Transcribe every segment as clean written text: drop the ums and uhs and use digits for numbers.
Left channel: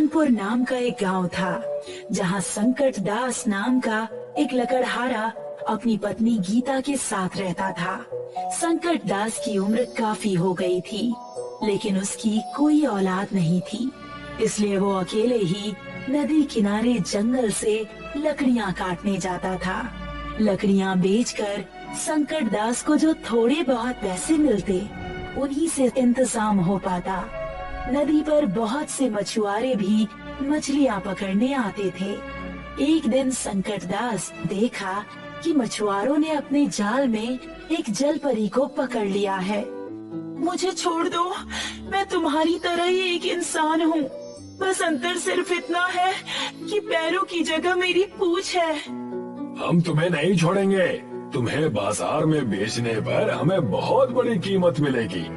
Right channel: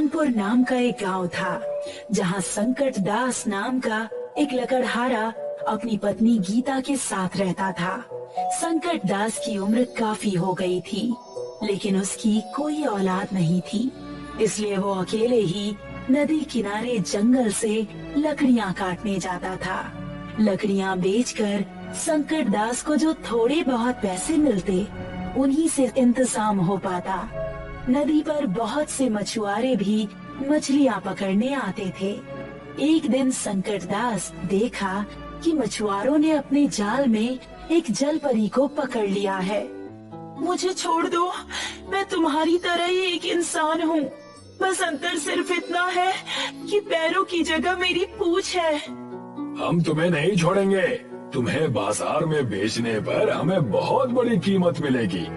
कानपुर नाम का एक गांव था, जहां संकट दास नाम का एक लकड़हारा अपनी पत्नी गीता के साथ रहता था। संकट दास की उम्र काफी हो गई थी, लेकिन उसकी कोई औलाद नहीं थी, इसलिए वो अकेले ही नदी किनारे जंगल से लकड़ियां काटने जाता था। लकड़ियां बेचकर संकट दास को जो थोड़े बहुत पैसे मिलते, उन्हीं से इंतजाम हो पाता। नदी पर बहुत से मछुआरे भी मछलियां पकड़ने आते थे। एक दिन संकट दास देखा कि मछुआरों ने अपने जाल में एक जलपरी को पकड़ लिया है। मुझे छोड़ दो, मैं तुम्हारी तरह ही एक इंसान हूँ, बस अंतर सिर्फ इतना है कि पैरों की जगह मेरी पूंछ है। हम तुम्हें नहीं छोड़ेंगे, तुम्हें बाजार में बेचने पर हमें बहुत बड़ी कीमत मिलेगी।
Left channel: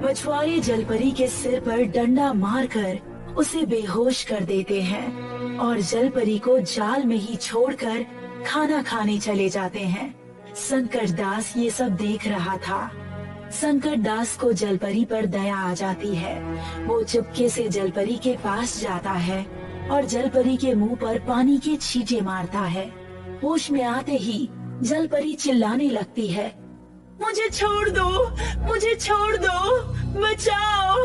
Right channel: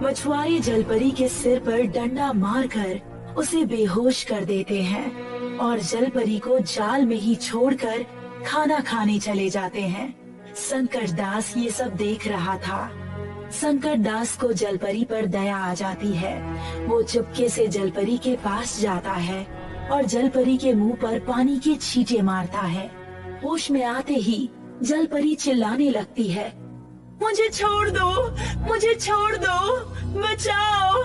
मछुआरे जलपरी के सिर पर डंडा मारकर उसे बेहोश कर देते हैं और जलपरी को जाल में ही छोड़कर खाना खाने चले जाते हैं। संकट दास ये सब देख रहा था। संकट दास को जलपरी पर दया आ जाती है। वो चुपके से जलपरी के पास जाता है और जलपरी के मुंह पर पानी के छींटे मारता है। होश में आते ही जलपरी चिल्लाने लगती है, मुझे छोड़ दो, मुझे छोड़ दो, बचाओ।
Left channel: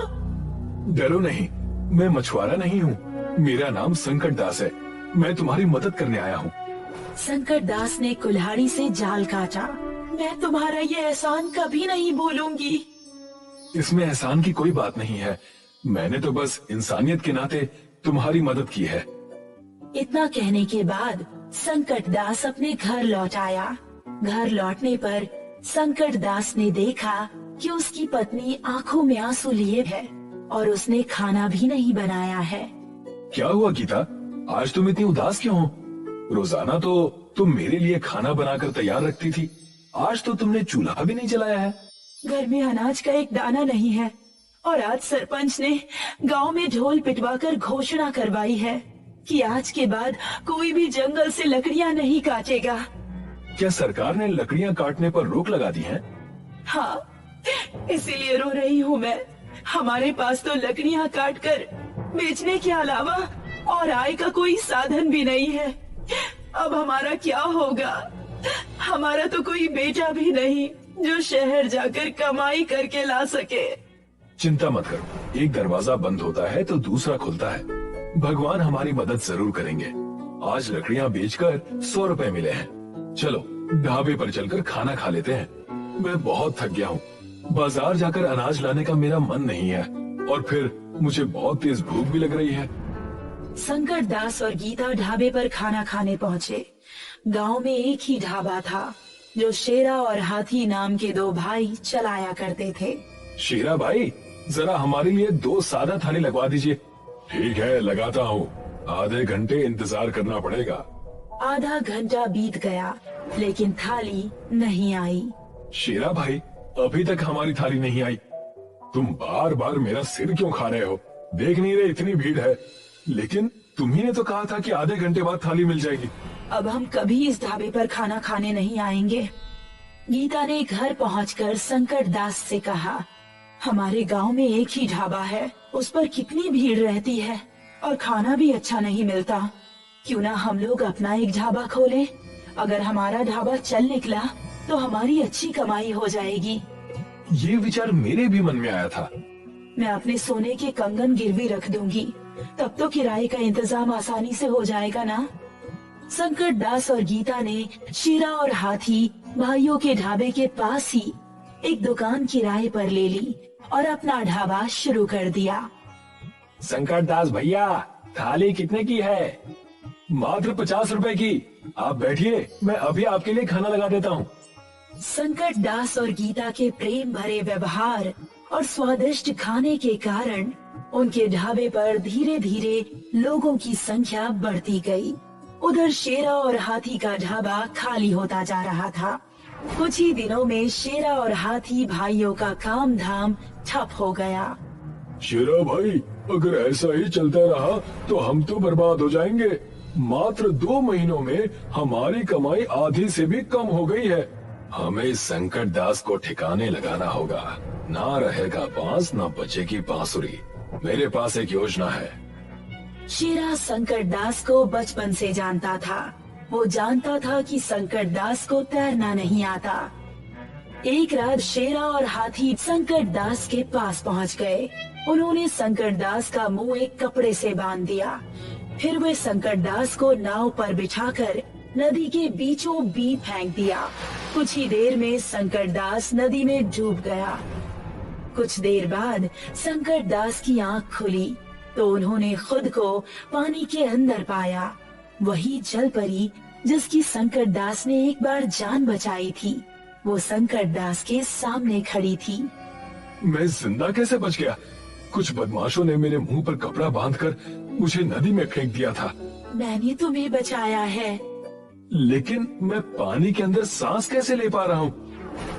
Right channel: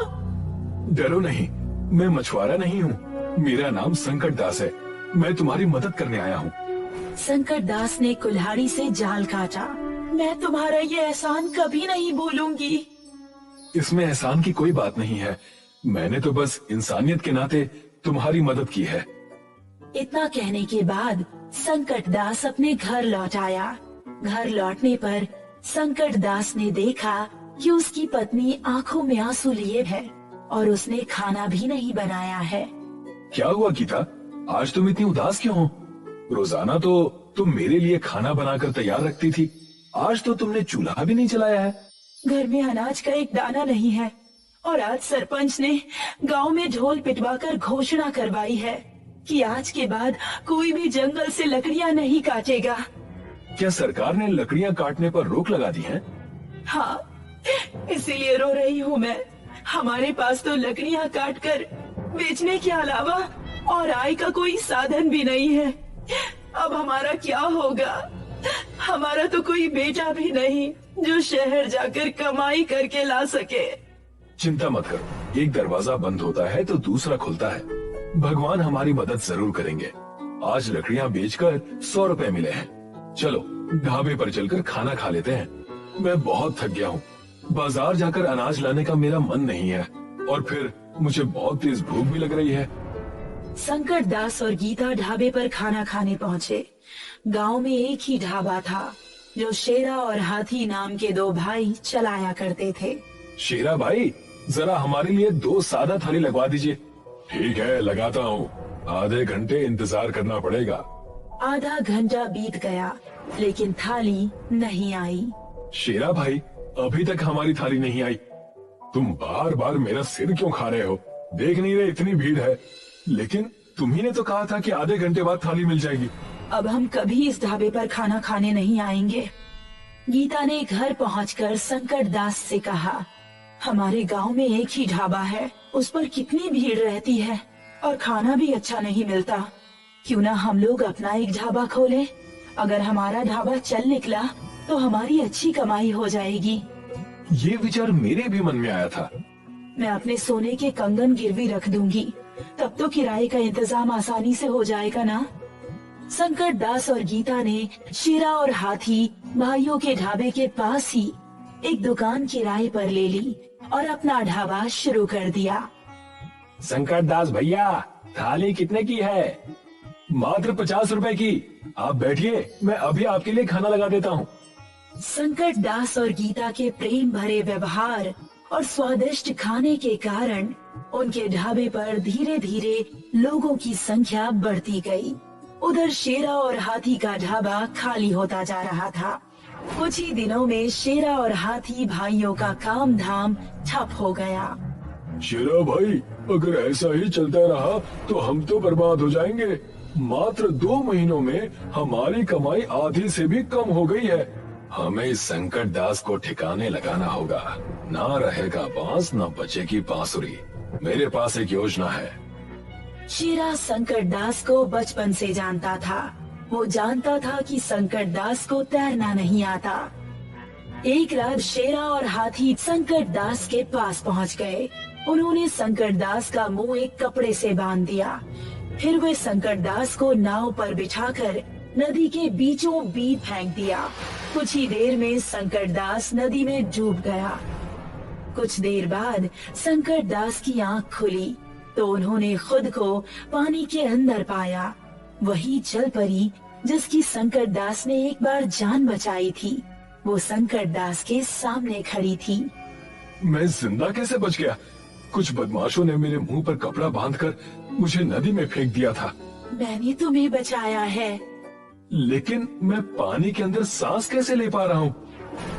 डरो नहीं, मैं मछुआरा नहीं हूँ, मेरा नाम संकट दास है, मैं तुम्हारी मदद करने आया हूँ। संकट दास ने कुल्हाड़ी से जाल काटा। मैं तुम्हारा ये एहसान कभी नहीं भूलूंगी। इसमें एहसान की कोई बात नहीं है, मैंने तो बस इंसानियत के नाते तुम्हारी मदद की है। इतना कहने के बाद संकट दास अपने घर लौट आया। घर लौटने पर संकट दास ने देखा कि उसकी पत्नी आंखों में आंसू लिए है और उसने खाना भी नहीं बनाया है। क्या हुआ गीता, आज तुम इतनी उदास क्यों हो? रोजाना तो तुम मेरे लिए खाना बनाकर तैयार रखती थी, आज तो तुमने चूल्हा भी नहीं जलाया है। घर में अनाज का एक दाना नहीं है और आज सरपंच ने गांव में ढोल पिटवाकर घोषणा करवाई है कि आज के बाद कोई भी जंगल से लकड़ियां नहीं काटेगा। क्या सरकार ने लकड़ियां काटने पर रोक लगा दी है? हाँ, इसीलिए रो रही हूँ मैं। हमारे पास तो लकड़ियां काटकर बेचने के अलावा और आय का कोई साधन भी नहीं है। अब हमारा क्या होगा? हमारा तो कोई बेटा भी नहीं जो शहर जाकर कमाई करके ला सके। चिंता मत करो, एक दरवाजा बंद होता है तो दूसरा खुलता है। भगवान हमारी मदद जरूर करेंगे। आज लकड़ियां बेचकर 100 रुपए मिले हैं। चलो ढाबे पर चलकर खाना खा लेते हैं। मैं बहुत थक गया हूँ, बाजार जाकर अनाज लाने का मेरा मन नहीं है और फिर मुझे बहुत तेज भूख भी लग रही है। संकट दास और गीता ढाबे पर खाना खाने पहुँचे। गांव में एक ही ढाबा था जो शेरा और हाथी नाम के दो भाई चलाया करते थे। शेरा भाई, जरा हमारे लिए 2 सादा थाली लगवा दीजिए। ठीक है, लगाता हूँ, आधे घंटे इंतजार करना पड़ेगा। आधा घंटा बीत गया लेकिन थाली नहीं आई। शेरा भाई, अभी तक हमारी थाली नहीं आई। तुम बार बार मेरा सिर क्यों खा रहे हो? देख नहीं रहे इतनी भीड़ है? लेकिन तुम्ही ने तो कहा था कि आधे घंटे बाद थाली मिल जाएगी। अब हम कभी इस ढाबे पर खाना खाने नहीं आएंगे। गीता ने घर पहुंचकर संकट दास से कहा, हमारे गांव में एक ही ढाबा है, उस पर कितनी भीड़ रहती है और खाना भी अच्छा नहीं मिलता। क्यों ना हम लोग अपना एक ढाबा खोलें? अगर हमारा ढाबा चल निकला तो हमारी अच्छी कमाई हो जाएगी। ये विचार मेरे भी मन में आया था। मैं अपने सोने के कंगन गिरवी रख दूंगी, तब तो किराए का इंतजाम आसानी से हो जाएगा ना। संकट दास और गीता ने शेरा और हाथी भाइयों के ढाबे के पास ही एक दुकान किराए पर ले ली और अपना ढाबा शुरू कर दिया। संकट दास भैया, थाली कितने की है? मात्र 50 रुपए की। आप बैठिए, मैं अभी आपके लिए खाना लगा देता हूँ। संकट दास और गीता के प्रेम भरे व्यवहार और स्वादिष्ट खाने के कारण उनके ढाबे पर धीरे धीरे लोगों की संख्या बढ़ती गई। उधर शेरा और हाथी का ढाबा खाली होता जा रहा था। कुछ ही दिनों में शेरा और हाथी भाइयों का काम धाम ठप हो गया। शेरा भाई, अगर ऐसा ही चलता रहा तो हम तो बर्बाद हो जाएंगे। मात्र 2 महीनों में हमारी कमाई आधी से भी कम हो गई है। हमें संकट दास को ठिकाने लगाना होगा। ना रहेगा बांस, ना बचेगी बांसुरी। मेरे पास एक योजना है। शेरा संकट दास को बचपन से जानता था। वो जानता था कि संकट दास को तैरना नहीं आता। एक रात शेरा और हाथी संकट दास के पास पहुंच गए। उन्होंने संकट दास का मुंह एक कपड़े से बांध दिया। फिर वे संकट दास को नाव पर बिठाकर नदी के बीचों बीच फेंक दिया। कुछ ही देर में संकट दास नदी में डूब गया। कुछ देर बाद संकट दास की आंख खुली तो उन्होंने खुद को पानी के अंदर पाया। वही जल परी जिसकी संकट दास ने एक बार जान बचाई थी, वो संकट दास के सामने खड़ी थी। मैं जिंदा कैसे बच गया? कुछ बदमाशों ने मेरे मुंह पर कपड़ा बांधकर मुझे नदी में फेंक दिया था। मैंने तुम्हें बचाया है। लेकिन मैं पानी के अंदर सांस कैसे ले पा रहा हूँ?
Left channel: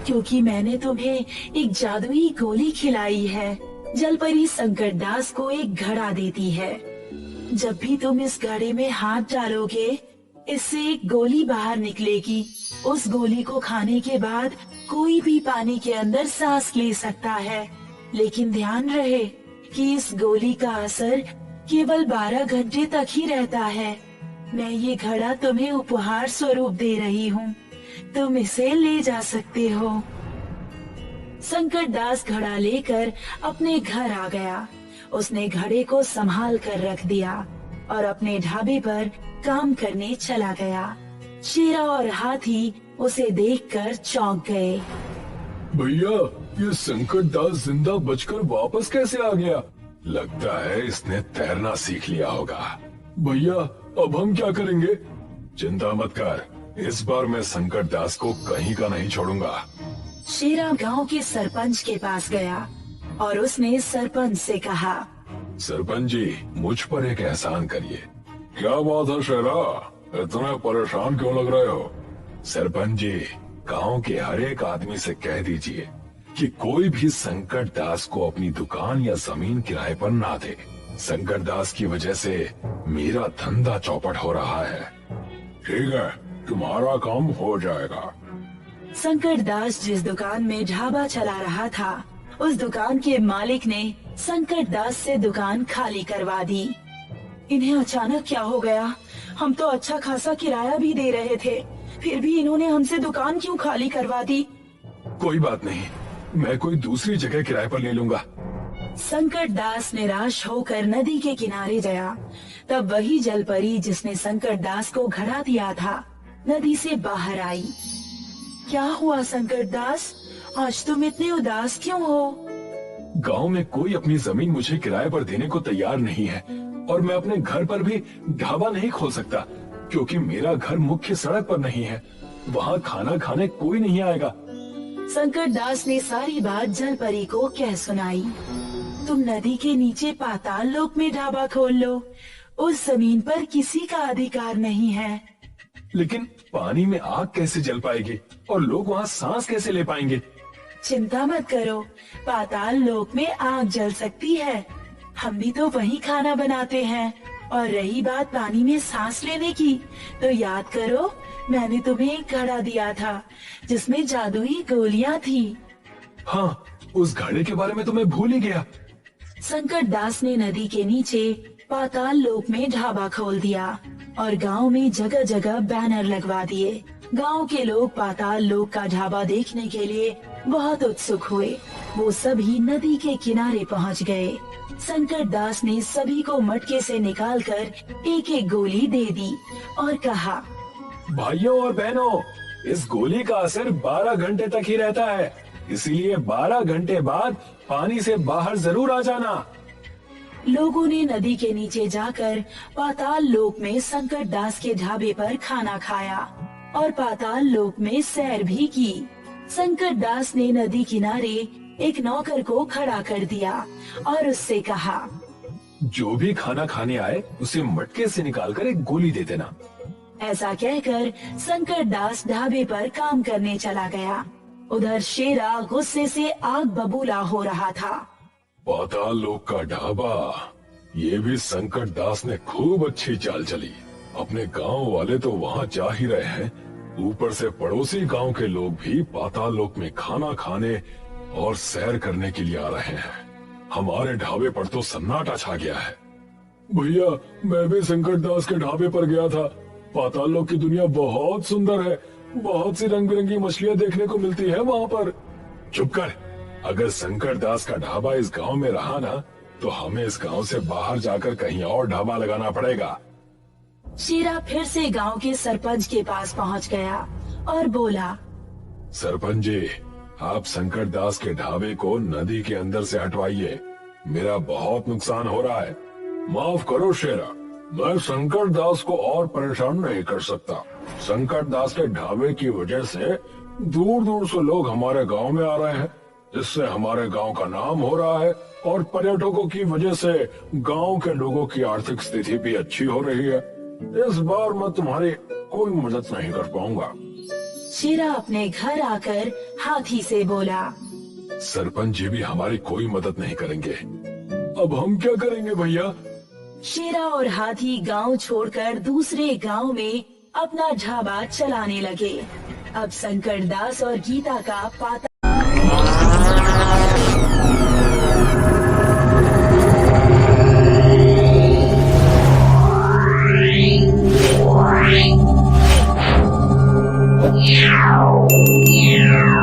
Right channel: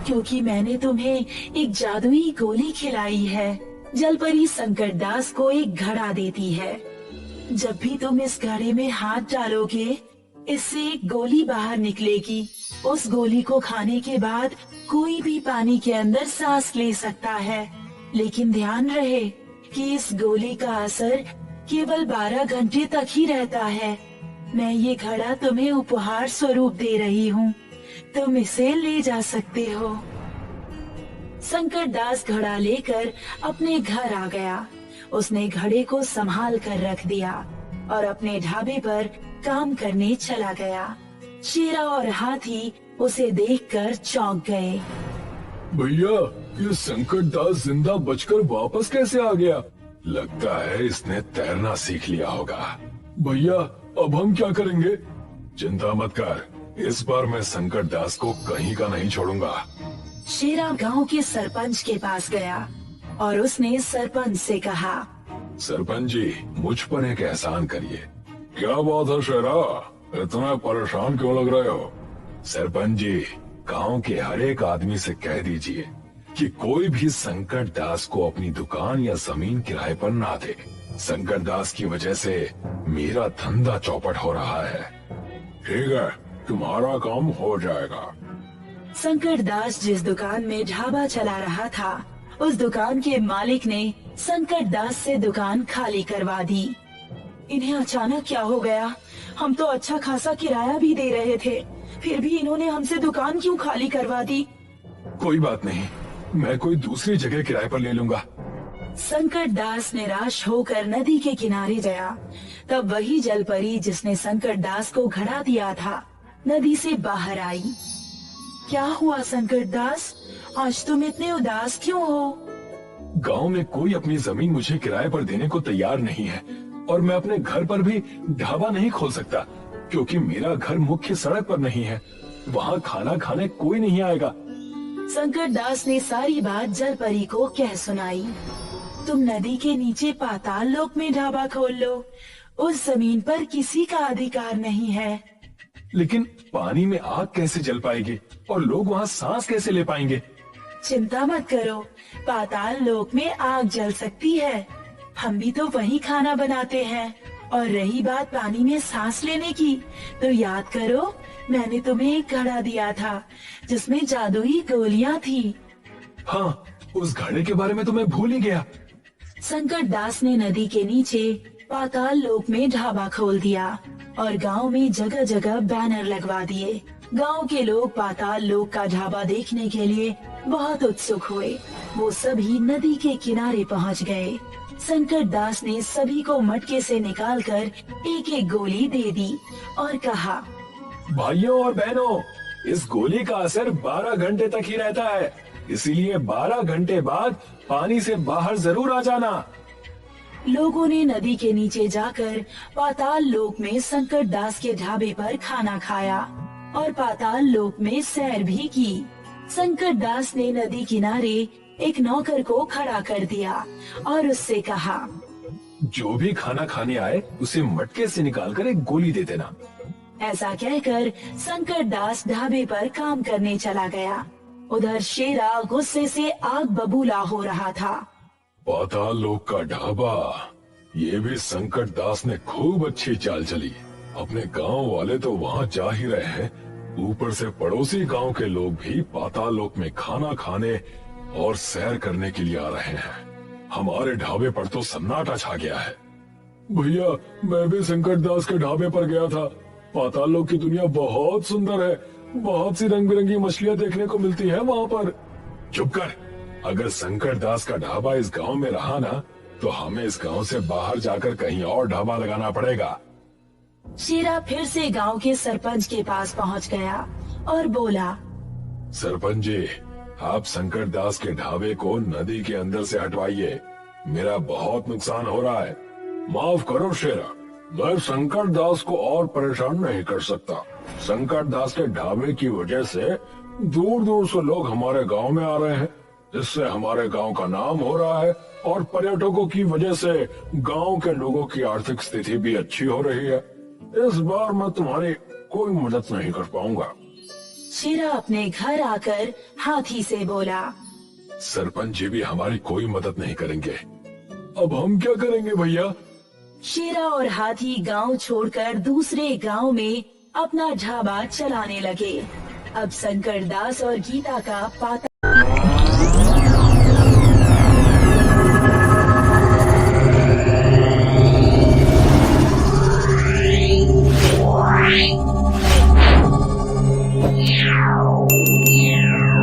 क्योंकि मैंने तुम्हें एक जादुई गोली खिलाई है। जलपरी संकट दास को एक घड़ा देती है। जब भी तुम इस घड़े में हाथ डालोगे, इससे एक गोली बाहर निकलेगी। उस गोली को खाने के बाद कोई भी पानी के अंदर सांस ले सकता है। लेकिन ध्यान रहे कि इस गोली का असर केवल 12 घंटे तक ही रहता है। मैं ये घड़ा तुम्हें उपहार स्वरूप दे रही हूँ। तुम इसे ले जा सकते हो। संकट दास घड़ा लेकर अपने घर आ गया। उसने घड़े को संभाल कर रख दिया और अपने ढाबे पर काम करने चला गया। शेरा और हाथी उसे देखकर चौंक गए। भैया, ये संकट दास जिंदा बचकर वापस कैसे आ गया? लगता है इसने तैरना सीख लिया होगा। भैया, अब हम क्या करेंगे? चिंता मत कर, इस बार मैं संकट दास को कहीं का नहीं छोड़ूंगा। शेरा गांव के सरपंच के पास गया और उसने सरपंच से कहा, सरपंच जी, मुझ पर एक एहसान करिए। क्या बात है शेरा, इतना परेशान क्यों लग रहे हो? सरपंच जी, गांव के हर एक आदमी से कह दीजिए कि कोई भी संकट दास को अपनी दुकान या जमीन किराए पर ना दे। संकट दास की वजह से मेरा धंधा चौपट हो रहा है। ठीक है, तुम्हारा काम हो जाएगा। संकट दास जिस दुकान में ढाबा चला रहा था, उस दुकान के मालिक ने संकट दास से दुकान खाली करवा दी। इन्हें अचानक क्या हो गया? हम तो अच्छा खासा किराया भी दे रहे थे, फिर भी इन्होंने हमसे दुकान क्यों खाली करवा दी? कोई बात नहीं, मैं कोई दूसरी जगह किराए पर ले लूंगा। संकट दास निराश होकर नदी के किनारे गया। तब वही जलपरी जिसने संकट दास को घड़ा दिया था, नदी से बाहर आई। क्या हुआ संकट दास, आज तुम इतने उदास क्यों हो? गांव में कोई अपनी जमीन मुझे किराए पर देने को तैयार नहीं है और मैं अपने घर पर भी ढाबा नहीं खोल सकता क्योंकि मेरा घर मुख्य सड़क पर नहीं है। वहाँ खाना खाने कोई नहीं आएगा। संकट दास ने सारी बात जलपरी को कह सुनाई। तुम नदी के नीचे पाताल लोक में ढाबा खोल लो, उस जमीन पर किसी का अधिकार नहीं है। लेकिन पानी में आग कैसे जल पाएगी और लोग वहाँ सांस कैसे ले पाएंगे? चिंता मत करो, पाताल लोक में आग जल सकती है। हम भी तो वही खाना बनाते हैं। और रही बात पानी में सांस लेने की, तो याद करो मैंने तुम्हें एक घड़ा दिया था जिसमें जादुई गोलियां थी। हाँ, उस घड़े के बारे में तो मैं भूल ही गया। संकट दास ने नदी के नीचे पाताल लोक में ढाबा खोल दिया और गांव में जगह जगह बैनर लगवा दिए। गांव के लोग पाताल लोक का ढाबा देखने के लिए बहुत उत्सुक हुए। वो सभी नदी के किनारे पहुंच गए। संकट दास ने सभी को मटके से निकालकर एक एक गोली दे दी और कहा, भाइयों और बहनों, इस गोली का असर 12 घंटे तक ही रहता है, इसीलिए 12 घंटे बाद पानी से बाहर जरूर आ जाना। लोगों ने नदी के नीचे जाकर पाताल लोक में संकट दास के ढाबे पर खाना खाया और पाताल लोक में सैर भी की। संकट दास ने नदी किनारे एक नौकर को खड़ा कर दिया और उससे कहा, जो भी खाना खाने आए उसे मटके से निकालकर एक गोली दे देना। ऐसा कहकर संकट दास ढाबे पर काम करने चला गया। उधर शेरा गुस्से से आग बबूला हो रहा था। पाताल लोक का ढाबा, ये भी संकट दास ने खूब अच्छी चाल चली। अपने गांव वाले तो वहाँ जा ही रहे हैं, ऊपर से पड़ोसी गांव के लोग भी पाताल लोक में खाना खाने और सैर करने के लिए आ रहे हैं। हमारे ढाबे पर तो सन्नाटा छा गया है। भैया, मैं भी संकट दास के ढाबे पर गया था। पाताल लोक की दुनिया बहुत सुंदर है। बहुत सी रंग बिरंगी मछलियाँ देखने को मिलती है वहाँ पर। चुप कर। अगर संकट दास का ढाबा इस गांव में रहा ना, तो हमें इस गांव से बाहर जाकर कहीं और ढाबा लगाना पड़ेगा। शेरा फिर से गांव के सरपंच के पास पहुंच गया और बोला, सरपंच जी, आप संकट दास के ढाबे को नदी के अंदर से हटवाइए। मेरा बहुत नुकसान हो रहा है। माफ करो शेरा, मैं संकट दास को और परेशान नहीं कर सकता। संकट दास के ढाबे की वजह से दूर दूर से लोग हमारे गांव में आ रहे हैं, जिससे हमारे गांव का नाम हो रहा है और पर्यटकों की वजह से गांव के लोगों की आर्थिक स्थिति भी अच्छी हो रही है। इस बार मैं तुम्हारी कोई मदद नहीं कर पाऊंगा। शेरा अपने घर आकर हाथी से बोला, सरपंच जी भी हमारी कोई मदद नहीं करेंगे। अब हम क्या करेंगे भैया? शेरा और हाथी गांव छोड़कर दूसरे गांव में अपना ढाबा चलाने लगे। अब संकट दास और गीता का पाता